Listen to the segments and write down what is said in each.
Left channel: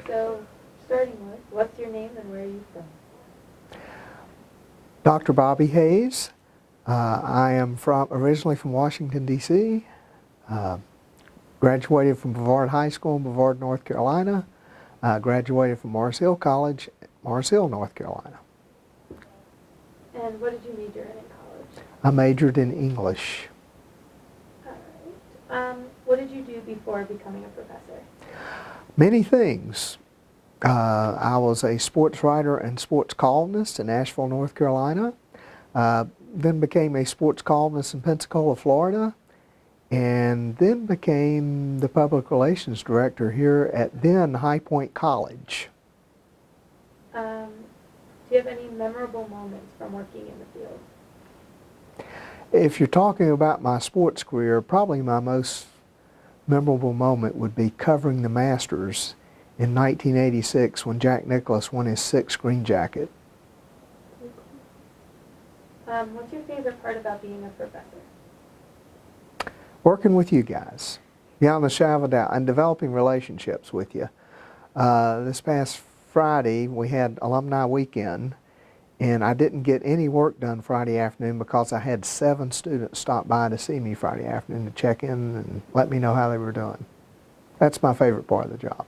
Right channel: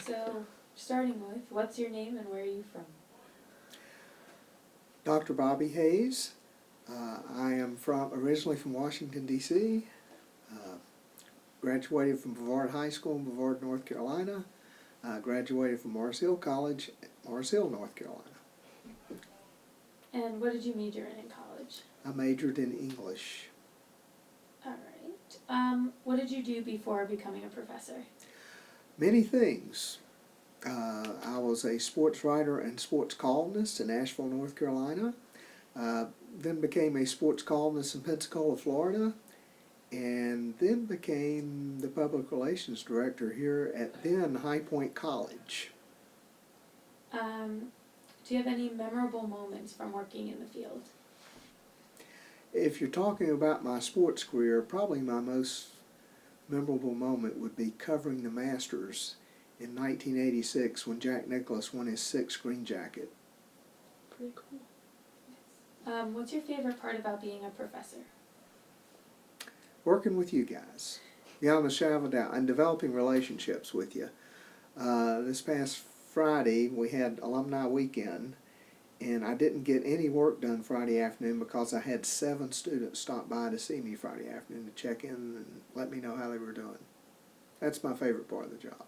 So, starting with, what's your name and where are you from? Dr. Bobby Hayes. I am originally from Washington, D.C. Graduated from Brevard High School in Brevard, North Carolina. Graduated from Mars Hill College, Mars Hill, North Carolina. And what did you major in college? I majored in English. All right. What did you do before becoming a professor? Many things. I was a sports writer and sports columnist in Asheville, North Carolina. Then became a sports columnist in Pensacola, Florida. And then became the public relations director here at then High Point College. Do you have any memorable moments from working in the field? If you're talking about my sports career, probably my most memorable moment would be covering the Masters in 1986 when Jack Nicklaus won his 6th green jacket. What's your favorite part about being a professor? Working with you guys, beyond the shadow of a doubt, and developing relationships with you. This past Friday, we had alumni weekend, and I didn't get any work done Friday afternoon because I had 7 students stop by to see me Friday afternoon to check in and let me know how they were doing. That's my favorite part of the job.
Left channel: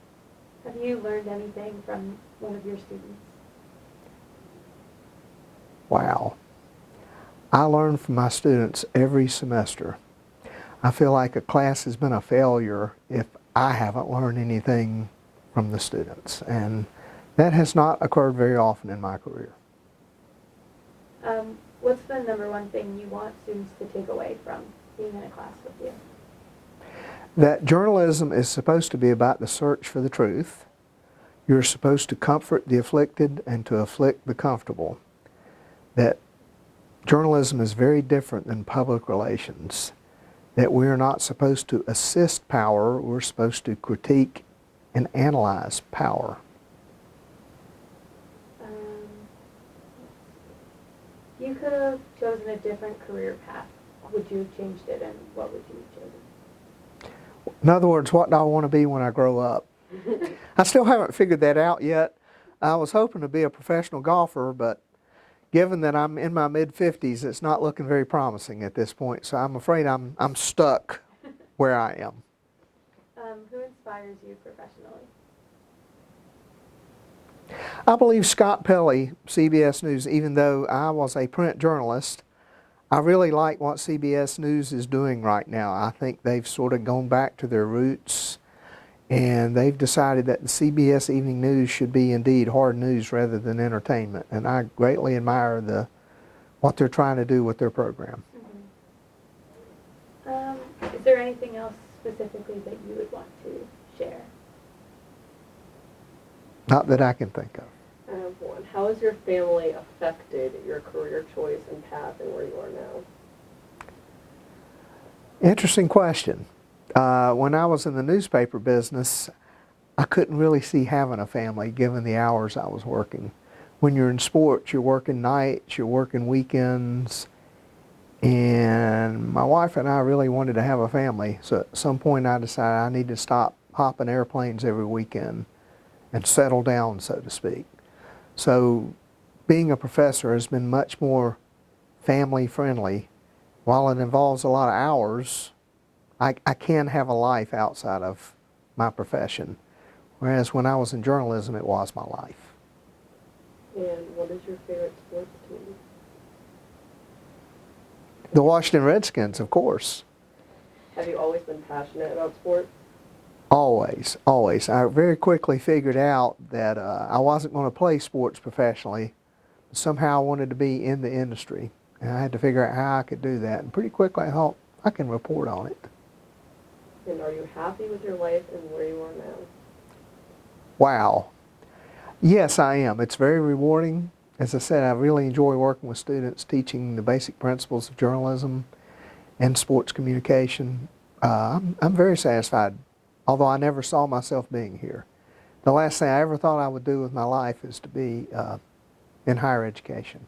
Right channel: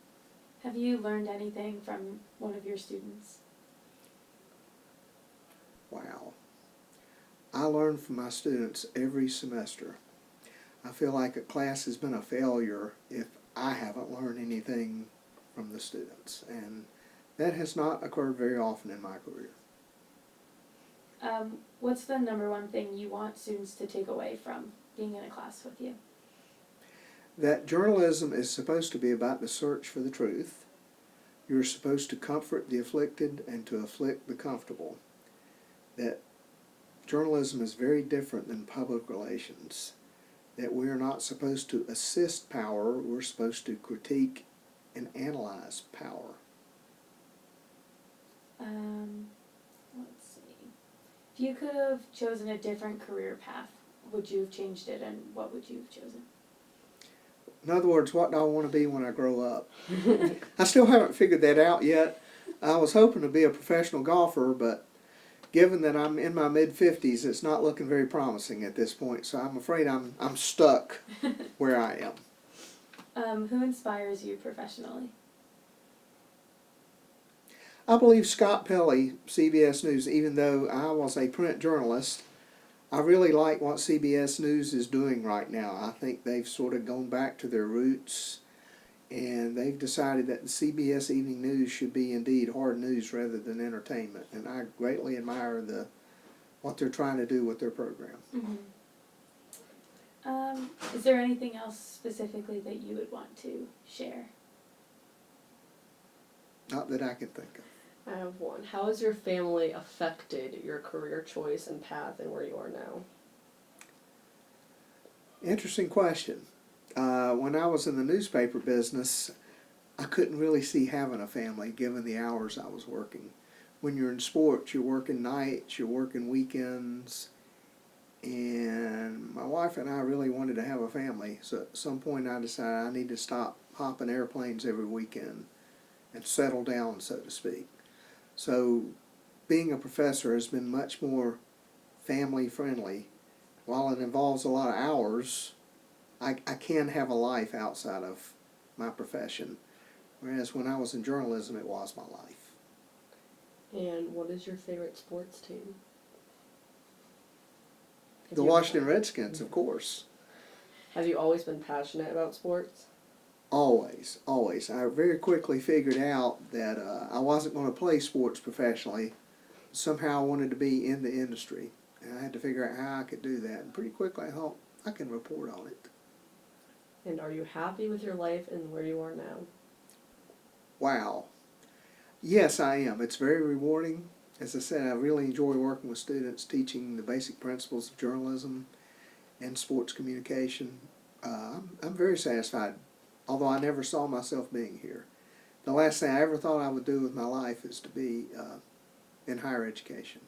Have you learned anything from one of your students? Wow. I learn from my students every semester. I feel like a class has been a failure if I haven't learned anything from the students, and that has not occurred very often in my career. What's the number one thing you want students to take away from being in a class with you? That journalism is supposed to be about the search for the truth. You're supposed to comfort the afflicted and to afflict the comfortable. That journalism is very different than public relations. That we are not supposed to assist power, we're supposed to critique and analyze power. Let's see. If you could have chosen a different career path, would you have changed it, and what would you have chosen? In other words, what do I want to be when I grow up? I still haven't figured that out yet. I was hoping to be a professional golfer, but given that I'm in my mid-50s, it's not looking very promising at this point, so I'm afraid I'm stuck where I am. Who inspires you professionally? I believe Scott Pelley, CBS News, even though I was a print journalist, I really like what CBS News is doing right now. I think they've sort of gone back to their roots, and they've decided that the CBS Evening News should be indeed hard news rather than entertainment. And I greatly admire what they're trying to do with their program. Mm-hmm. Is there anything else specifically that you would want to share? Not that I can think of. I have one. How has your family affected your career choice and path and where you are now? Interesting question. When I was in the newspaper business, I couldn't really see having a family given the hours I was working. When you're in sports, you're working nights, you're working weekends, and my wife and I really wanted to have a family. So at some point I decided I need to stop hopping airplanes every weekend and settle down, so to speak. So being a professor has been much more family friendly. While it involves a lot of hours, I can have a life outside of my profession. Whereas when I was in journalism, it was my life. And what is your favorite sports team? The Washington Redskins, of course. Have you always been passionate about sports? Always, always. I very quickly figured out that I wasn't going to play sports professionally. Somehow I wanted to be in the industry, and I had to figure out how I could do that. And pretty quickly I thought, I can report on it. And are you happy with your life and where you are now? Wow. Yes, I am. It's very rewarding. As I said, I really enjoy working with students, teaching the basic principles of journalism and sports communication. I'm very satisfied, although I never saw myself being here. The last thing I ever thought I would do with my life is to be in higher education.